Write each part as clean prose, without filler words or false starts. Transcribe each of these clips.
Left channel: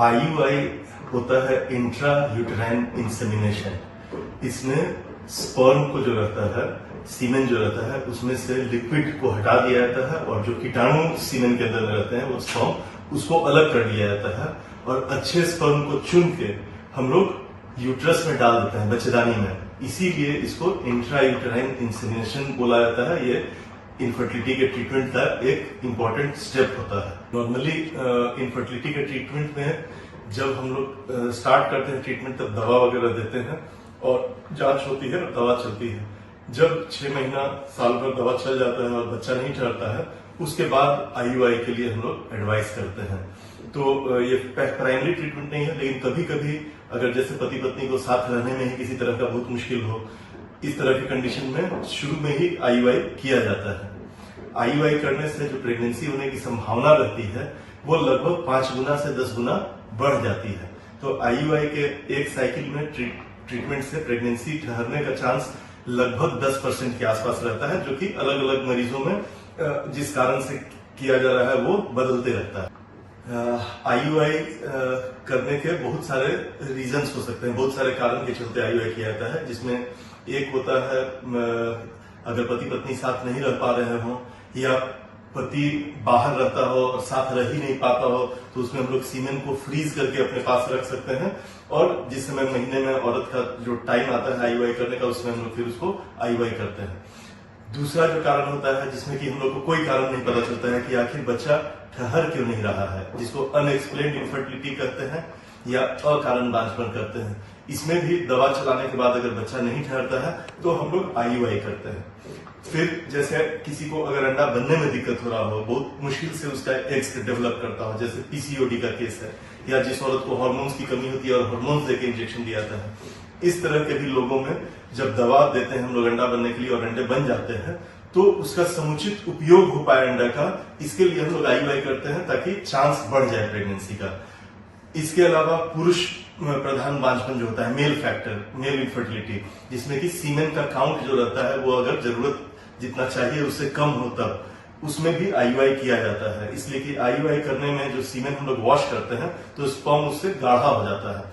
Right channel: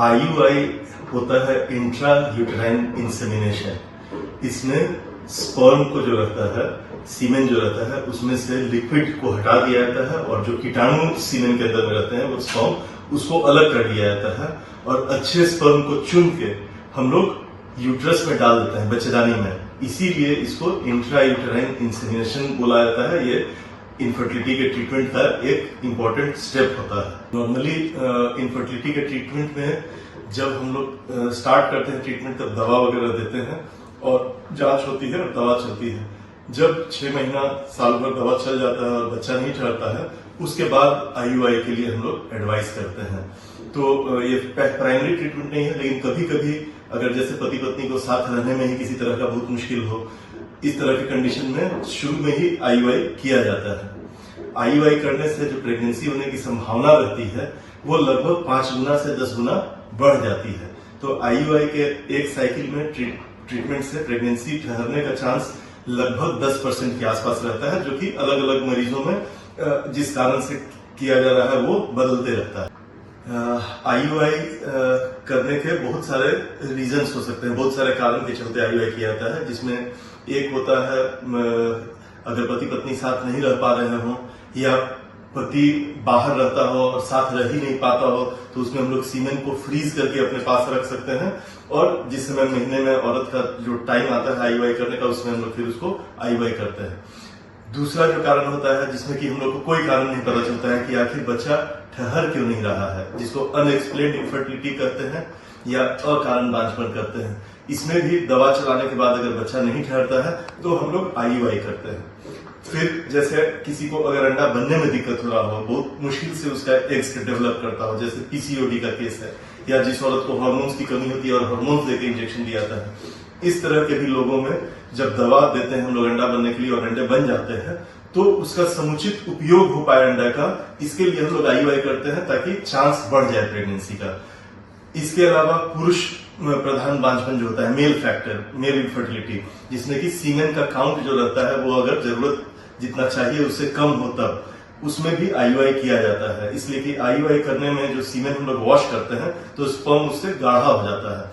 IUI होता है intra uterine insemination. इसमें स्पर्म को जो रहता है, सीमेन जो रहता है, उसमें से लिक्विड को हटा दिया जाता है और जो कीटाणु सीमेन के अंदर में रहते हैं वो स्पर्म उसको अलग कर दिया जाता है और अच्छे स्पर्म को चुन के हम लोग यूट्रस में डाल देते हैं, बच्चेदानी में। इसीलिए इसको इंट्रा यूटेराइन इंसेमिनेशन बोला जाता है। ये इनफर्टिलिटी के ट्रीटमेंट का एक इम्पॉर्टेंट स्टेप होता है। नॉर्मली इनफर्टिलिटी के ट्रीटमेंट में जब हम लोग स्टार्ट करते हैं ट्रीटमेंट, तब दवा वगैरह देते हैं और जांच होती है और दवा चलती है। जब 6 महीना साल भर दवा चल जाता है और बच्चा नहीं ठहरता है, उसके बाद IUI के लिए हम लोग एडवाइस करते हैं। तो ये प्राइमरी ट्रीटमेंट नहीं है, लेकिन कभी कभी अगर जैसे पति पत्नी को साथ रहने में ही किसी तरह का बहुत मुश्किल हो, इस तरह के कंडीशन में शुरू में ही IUI किया जाता है। IUI करने से जो प्रेगनेंसी होने की संभावना रहती है वो लगभग 5 गुना से 10 गुना बढ़ जाती है। तो IUI के एक साइकिल में ट्रीटमेंट से प्रेगनेंसी ठहरने का चांस लगभग 10% के आसपास रहता है, जो कि अलग अलग मरीजों में जिस कारण से किया जा रहा है वो बदलते रहता है। IUI करने के बहुत सारे रीजंस हो सकते हैं, बहुत सारे कारण के चलते IUI किया जाता है, जिसमें एक होता है अगर पति पत्नी साथ नहीं रह पा रहे हो या पति बाहर रहता हो और साथ रह ही नहीं पाता हो, तो उसमें हम लोग सीमेन को फ्रीज करके अपने पास रख सकते हैं और जिस समय महीने में औरत का जो टाइम आता है IUI करने का, उसमें हम लोग फिर उसको IUI करते हैं। दूसरा जो कारण होता है जिसमें कि हम लोग को कोई कारण नहीं पता चलता है कि आखिर बच्चा ठहर क्यों नहीं रहा है, जिसको अनएक्सप्लेन्ड इनफर्टिलिटी कहते हैं या अकारण बांझपन कहते हैं। इसमें भी दवा चलाने के बाद अगर बच्चा नहीं ठहरता है तो हम लोग IUI करते हैं। फिर जैसे किसी को अगर अंडा बनने में दिक्कत हो रहा हो, बहुत मुश्किल से उसका एग्स डेवलप करता हो, जैसे PCOD का केस है, या जिस औरत को हार्मोन्स की कमी होती है और हार्मोन्स देके इंजेक्शन दिया जाता है, इस तरह के भी लोगों में जब दवा देते हैं हम लोग अंडा बनने के लिए और अंडे बन जाते हैं, तो उसका समुचित उपयोग हो पाए अंडा का, इसके लिए हम लोग IUI करते हैं ताकि चांस बढ़ जाए प्रेगनेंसी का। इसके अलावा पुरुष प्रधान बांझपन जो होता है, मेल फैक्टर, मेल इनफर्टिलिटी, जिसमें कि सीमेन का काउंट जो रहता है वो अगर जरूरत जितना चाहिए उससे कम हो, तब उसमें भी IUI किया जाता है। इसलिए कि IUI करने में जो सीमेन हम लोग वॉश करते हैं तो स्पर्म उससे गाढ़ा हो जाता है।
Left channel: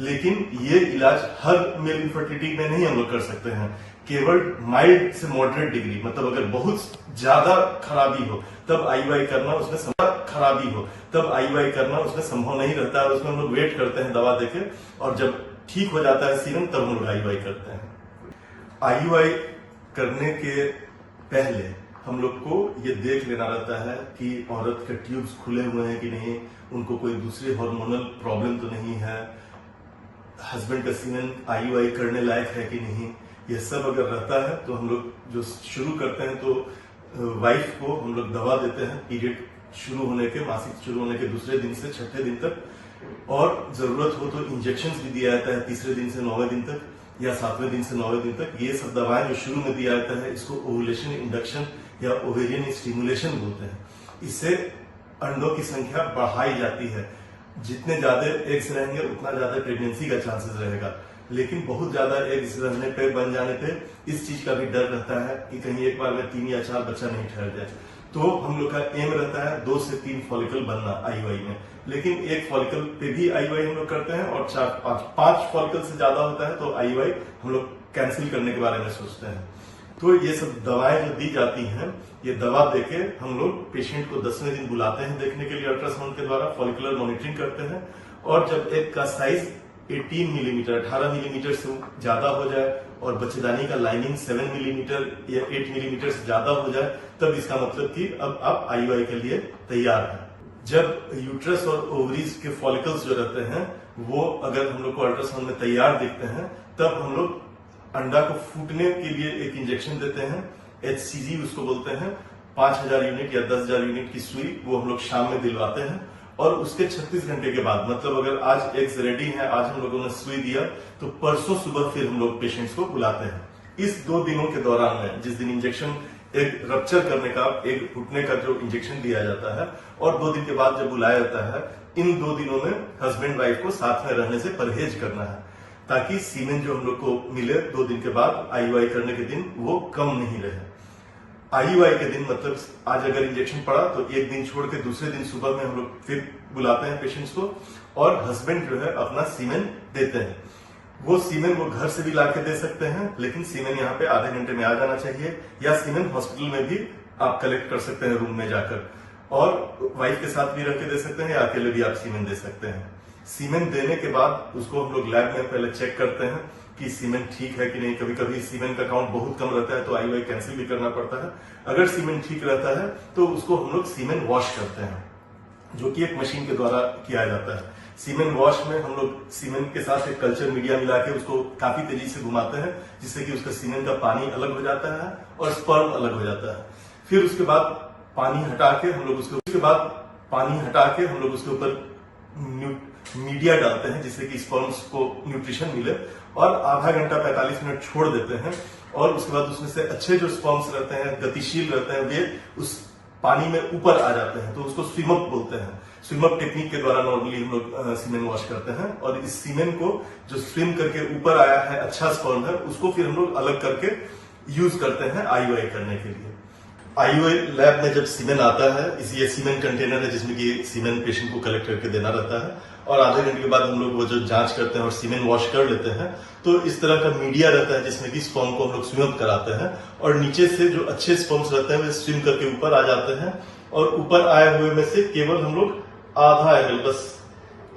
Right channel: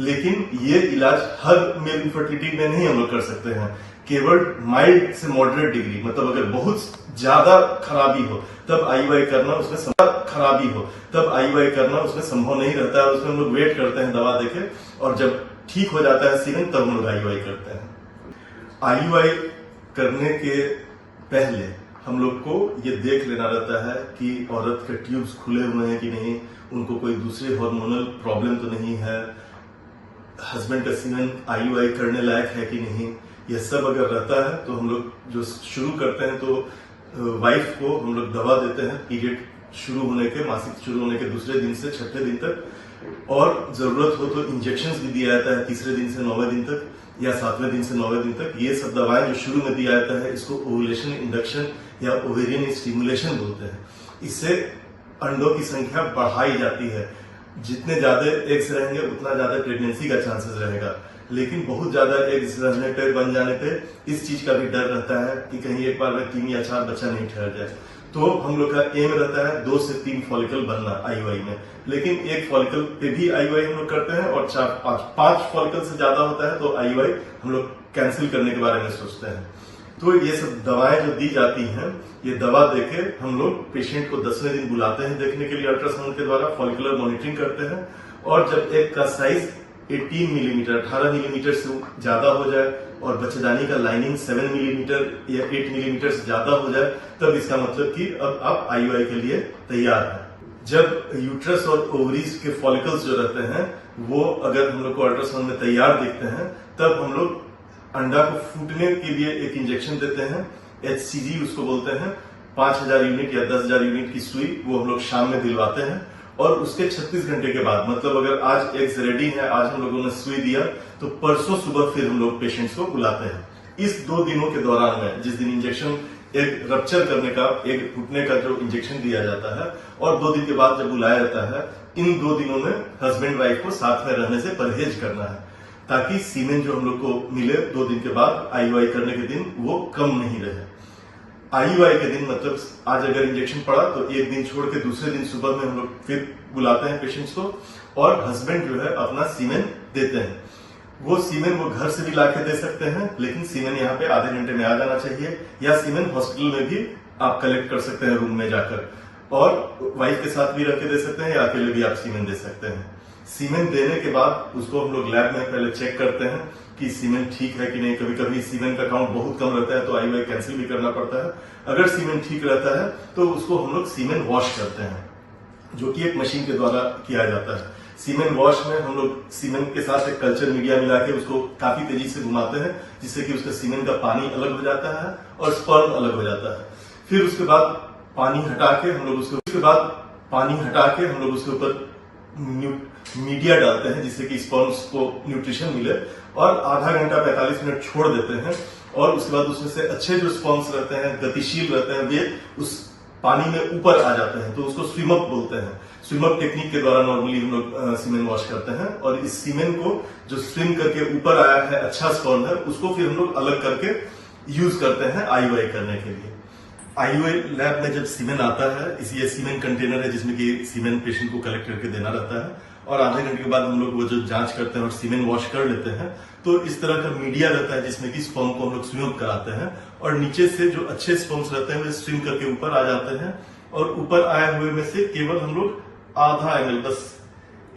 लेकिन ये इलाज हर मेल इनफर्टिलिटी में नहीं हम लोग कर सकते हैं, केवल माइल्ड से मॉडरेट डिग्री, मतलब अगर बहुत ज्यादा खराबी हो तब IUI करना उसमें संभव नहीं रहता है। उसमें हम लोग वेट करते हैं दवा देके और जब ठीक हो जाता है सीमेन तब हम लोग IUI करते हैं। IUI करने के पहले हम लोग को ये देख लेना रहता है कि औरत के ट्यूब्स खुले हुए हैं कि नहीं, उनको कोई दूसरी हार्मोनल प्रॉब्लम तो नहीं है, हस्बैंड का सीमेन IUI करने लायक है कि नहीं। यह सब अगर रहता है तो हम लोग जो शुरू करते हैं तो वाइफ को हम लोग दवा देते हैं पीरियड शुरू होने के, मासिक शुरू होने के दूसरे दिन से 6ठे दिन तक, और जरूरत हो तो इंजेक्शन भी दिया जाता है 3रे दिन से 9वें दिन तक या 7वें दिन से 9वें दिन तक। ये सब दवाएं जो शुरू में दिया जाता है इसको ओवुलेशन इंडक्शन या ओवेरियन स्टिमुलेशन बोलते हैं। इससे अंडों की संख्या बढ़ाई जाती है, जितने ज्यादा एग्स रहेंगे उतना ज्यादा प्रेगनेंसी का चांसेस रहेगा। लेकिन बहुत ज्यादा एग्स रहने पे, बन जाने पे इस चीज का भी डर रहता है कि कहीं एक बार में 3 या 4 बच्चा नहीं ठहर जाए। तो हम लोग का एम रहता है 2 से 3 फॉलिकल बनना IUI में, लेकिन एक फॉलिकल पे भी IUI हम लोग करते हैं और 4-5 फॉलिकल से ज्यादा होता है तो IUI हम लोग कैंसिल करने के बारे में सोचते हैं। तो ये सब दवाएं जो दी जाती हैं, ये दवा देके हम लोग पेशेंट को 10वें दिन बुलाते हैं देखने के लिए अल्ट्रासाउंड के द्वारा, फॉलिकुलर मॉनिटरिंग करते हैं और जब एग का साइज 18 मिलीमीटर 18 मिलीमीटर से ज्यादा हो जाए और बच्चेदानी का लाइनिंग 7 मिलीमीटर या 8 मिलीमीटर से ज्यादा हो जाए, तब इसका मतलब कि अब आप IUI के लिए तैयार हैं। जब यूट्रस और ओवरीज के फॉलिकल्स जो रहते हैं वो अगर हम लोग को अल्ट्रासाउंड में तैयार दिखते हैं, तब हम लोग अंडा को फूटने के लिए एक इंजेक्शन देते हैं, HCG उसको बोलते हैं। 5000 यूनिट या 10,000 यूनिट की सुई वो हम लोग शाम में दिलवाते हैं और उसके 36 घंटे के बाद, मतलब अगर आज एग्स रेडी है, आज हम लोगों ने सुई दिया, तो परसों सुबह फिर हम लोग पेशेंट्स को बुलाते हैं। इस 2 दिनों के दौरान में, जिस दिन इंजेक्शन एक रप्चर करने का, एक फूटने का जो इंजेक्शन दिया जाता है और 2 दिन के बाद जब बुलाया जाता है, इन 2 दिनों में हस्बैंड वाइफ को साथ में रहने से परहेज करना है, ताकि सीमेन जो हम लोग को मिले 2 दिन के बाद IUI करने के दिन वो कम नहीं रहे। IUI के दिन मतलब आज अगर इंजेक्शन पड़ा तो एक दिन छोड़ के दूसरे दिन सुबह में हम लोग फिर बुलाते हैं पेशेंट्स को और हस्बैंड जो है अपना सीमेन देते हैं। वो सीमेन वो घर से भी लाके दे सकते हैं, लेकिन सीमेन यहाँ पे आधे घंटे में आ जाना चाहिए, या सीमेन हॉस्पिटल में भी आप कलेक्ट कर सकते हैं रूम में जाकर, और वाइफ के साथ भी रख के दे सकते हैं या अकेले भी आप सीमेन दे सकते हैं। सीमेन देने के बाद उसको हम लोग लैब में पहले चेक करते हैं कि सीमेन ठीक है कि नहीं। कभी कभी सीमेन का काउंट बहुत कम रहता है तो IUI कैंसिल भी करना पड़ता है। अगर सीमेन ठीक रहता है तो उसको हम लोग सीमेन वॉश करते हैं, जो कि एक मशीन के द्वारा किया जाता है। सीमेन वॉश में हम लोग सीमेन के साथ एक कल्चर मीडिया मिला के उसको काफी तेजी से घुमाते हैं, जिससे कि उसका सीमेन का पानी अलग हो जाता है और स्पर्म अलग हो जाता है। फिर उसके बाद पानी हटा के हम लोग उसके ऊपर मीडिया डालते हैं, जिससे कि स्पर्म्स को न्यूट्रिशन मिले, और आधा घंटा 45 मिनट छोड़ देते हैं। और उसके बाद उसमें से अच्छे जो स्पर्म्स रहते हैं, गतिशील रहते हैं, वे उस पानी में ऊपर आ जाते हैं, तो उसको स्विम अप बोलते हैं। स्विम अप टेक्निक के द्वारा नॉर्मली हम लोग सीमेन वॉश करते हैं, और इस सीमेन को जो स्विम करके ऊपर आया है, अच्छा स्पर्म है, उसको फिर हम लोग अलग करके यूज करते हैं IUI करने के लिए। IUI लैब में जब सीमेन आता है, ये सीमेन कंटेनर है जिसमें कि सीमेन पेशेंट को कलेक्ट करके देना रहता है, और आधे घंटे के बाद हम लोग वो जो जांच करते हैं और सीमेन वॉश कर लेते हैं, तो इस तरह का मीडिया रहता है जिसमें कि स्पर्म को हम लोग स्विम अप कराते हैं, और नीचे से जो अच्छे स्पर्म्स रहते हैं वे स्विम करके ऊपर आ जाते हैं, और ऊपर आए हुए में से केवल हम लोग आधा ml, बस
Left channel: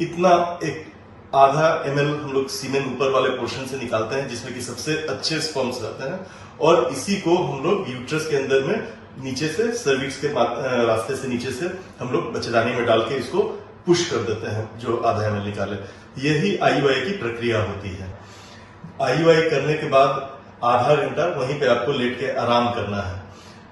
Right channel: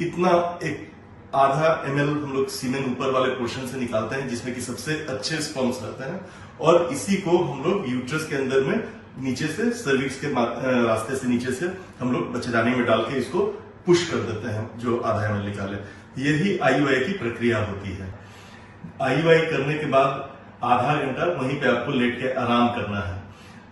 इतना एक आधा ml हम लोग सीमेन ऊपर वाले पोर्शन से निकालते हैं, जिसमें कि सबसे अच्छे स्पर्म्स रहते हैं, और इसी को हम लोग यूट्रस के अंदर में नीचे से सर्विक्स के रास्ते से नीचे से हम लोग बच्चेदानी में डाल के इसको पुश कर देते हैं, जो आधा ml निकाले। यही IUI की प्रक्रिया होती है। IUI करने के बाद आधा घंटा वहीं पे आपको लेट के आराम करना है,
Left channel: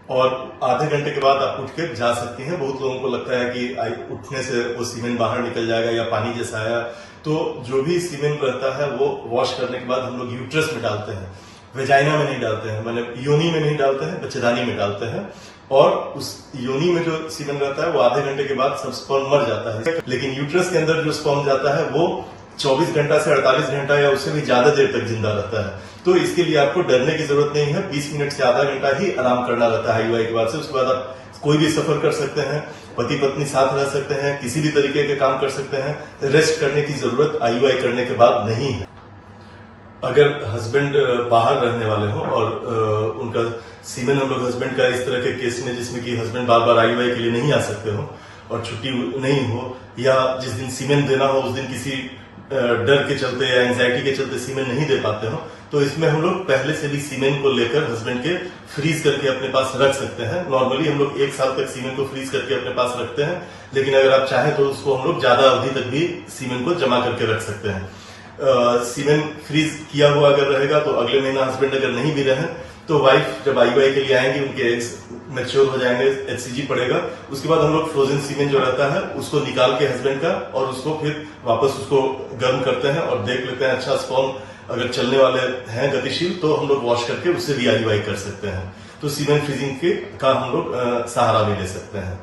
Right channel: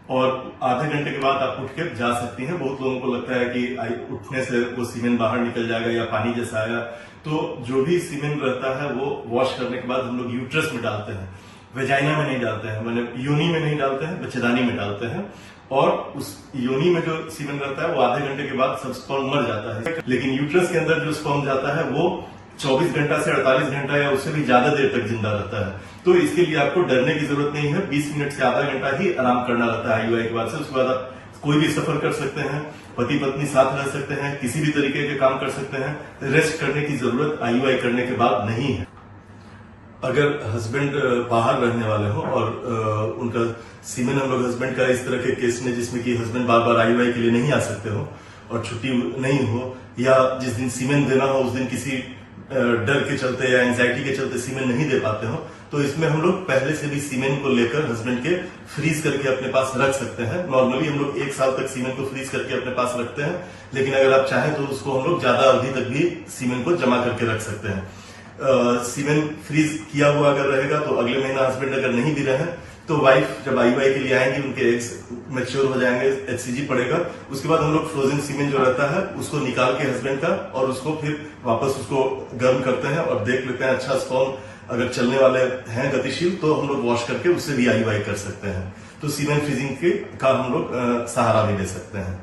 और आधे घंटे के बाद आप उठ के जा सकती हैं। बहुत लोगों को लगता है कि उठने से वो सीमेन बाहर निकल जाएगा या पानी जैसा आया, तो जो भी सीमेन रहता है वो वॉश करने के बाद हम लोग यूट्रस में डालते हैं, वेजाइना में नहीं डालते हैं, मतलब योनि में नहीं डालते हैं, बच्चेदानी में डालते हैं। और उस योनि में जो सीमेन रहता है वो आधे घंटे के बाद सब स्पर्म मर जाता है, लेकिन यूट्रस के अंदर जो स्पर्म जाता है वो 24 घंटा से 48 घंटा या उससे भी ज्यादा देर तक जिंदा रहता है। तो इसके लिए आपको डरने की जरूरत नहीं है। 20 मिनट से आधा घंटा ही आराम करना रहता है IUI के बाद से। उसके बाद आप कोई भी सफर कर सकते हैं, पति पत्नी साथ रह सकते हैं, किसी भी तरीके के काम कर सकते हैं। रेस्ट करने की जरूरत IUI करने के बाद नहीं है। अगर हस्बैंड बाहर रहने वाले हो और उनका सीमेन हम लोग हस्बैंड का इस तरह के केस में, जिसमें कि हस्बैंड बार बार IUI के लिए नहीं आ सकते हो और छुट्टी नहीं हो, या जिस दिन सीमेन देना हो उस दिन किसी डर के चलते या एंजाइटी के चलते सीमेन नहीं दे पाते हो, तो इसमें हम लोग पहले से भी सीमेन को लेकर हस्बैंड के फ्रीज करके अपने पास रख सकते हैं। नॉर्मली हम लोग 1 साल तक सीमेन को फ्रीज करके अपने पास रखते हैं, लेकिन अगर आप चाहें तो उसको हम लोग ज्यादा अवधि तक भी सीमेन को जमा करके रख सकते हैं। सीमेन फ्रीज किया हुआ अगर रहेगा तो अगले महीना हस्बैंड अगर नहीं भी रहे तो वाइफ जब IUI के लिए आएंगी, उनके एग्स मैच्योर हो जाएंगे, HCG पड़ेगा, उसके बाद हम लोग फ्रोजन सीमेन जो रहता है उसको निकाल के हस्बैंड का, और उसको फिर वापस उसको गर्म करते हैं और देख लेते हैं अच्छा स्पर्म अगर चलने वाले हैं गतिशील, तो हम लोग वॉश करके उससे भी IUI कर सकते हैं। तो सीमेन फ्रीजिंग का हम लोग सहारा भी ले सकते हैं।